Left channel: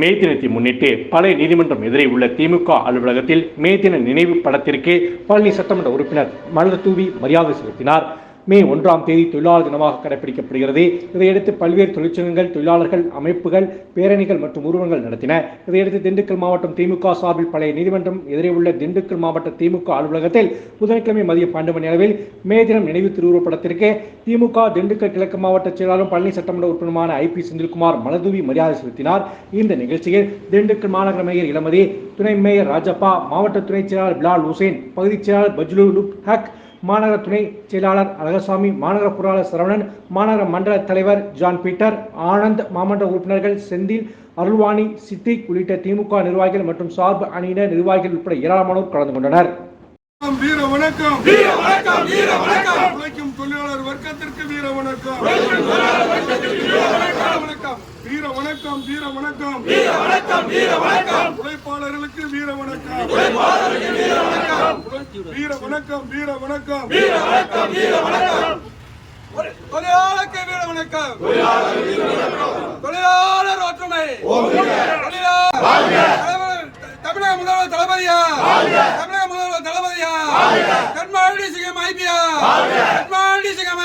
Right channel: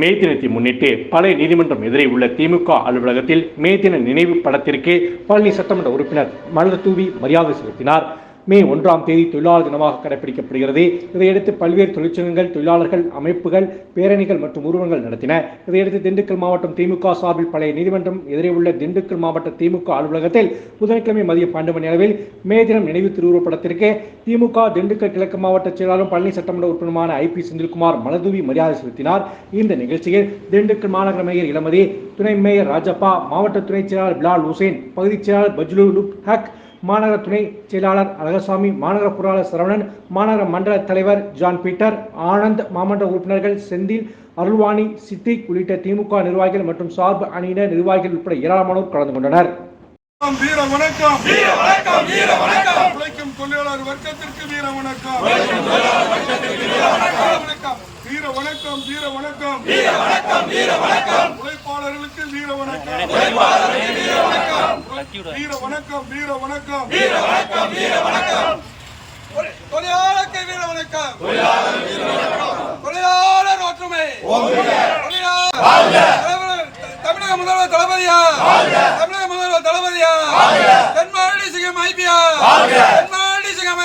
மே தினத்தை முன்னிட்டு பழைய நீதிமன்றம் எதிரே உள்ள திமுக அலுவலகத்தில் மே தின நினைவு படத்திற்கு பழனி சட்டமன்ற உறுப்பினர் மலர் தூவி மரியாதை செலுத்தினார். மே ஒன்றாம் தேதி தொழிலாளர் தினமாக கடைபிடிக்கப்படுகிறது. இதையடுத்து பல்வேறு தொழிற்சங்கங்கள் தொழிலாளர்கள் அமைப்புகள் பேரணிகள் மற்றும் உருவங்கள் நடத்தின. இதையடுத்து திண்டுக்கல் மாவட்டம் திமுக சார்பில் பழைய நீதிமன்றம் எதிரே உள்ள திண்டுக்கல் மாவட்ட திமுக அலுவலகத்தில் புதன்கிழமை மதியம் பன்னெண்டு மணி அளவில் மே தினம் நினைவு திருவுருவப்படத்திற்கு திமுக திண்டுக்கல் கிழக்கு மாவட்ட செயலாளரும் பழனி சட்டமன்ற உறுப்பினருமான ஐ பி செந்தில்குமார் மலதூவி மரியாதை செலுத்தினார். இந்த நிகழ்ச்சியில் திண்டுக்கல் மாநகர மேயர் இளமதி துணை மேயர் ராஜப்பா மாவட்ட துணைச் செயலாளர் பிலால் ஹுசேன் பகுதிச் செயலாளர் பஜ்லு லுக் ஹக் மாநகர துணை செயலாளர் அழகசாமி மாநகர பொருளாளர் சரவணன் மாநகர மண்டல தலைவர் ஜான் பீட்டர் ஆனந்த் மாமன்ற உறுப்பினர்கள் செந்தில் அருள்வாணி சித்திக் உள்ளிட்ட திமுக நிர்வாகிகள் மற்றும் சார்பு அணியினர் நிர்வாகிகள் உட்பட ஏராளமானோர் கலந்து கொண்டனர். வீர வணக்கம். வீர வணக்கம் வீர வணக்கம். உழைக்கும் தொழிலாளர் வர்க்கத்திற்கு வீர வணக்கம். வணக்கம். வீர வணக்கம். வீர வணக்கம் வீர வணக்கம். வீர வணக்கம். உழைப்பாளர்களுக்கு வீர வணக்கம். வீர வணக்கம் வீர வணக்கம். வீர வணக்கம் வீர வணக்கம். வீர வணக்கம். தொழிலாளருக்கு வீர வணக்கம். தொழிலாளர் ஒற்றுமை. தமிழக முதல்வர் தளபதியா? தமிழக முதல்வர் தளபதியா? தென்மாடி சிங்கம் ஐபியா? தென்மாடி சிங்கம்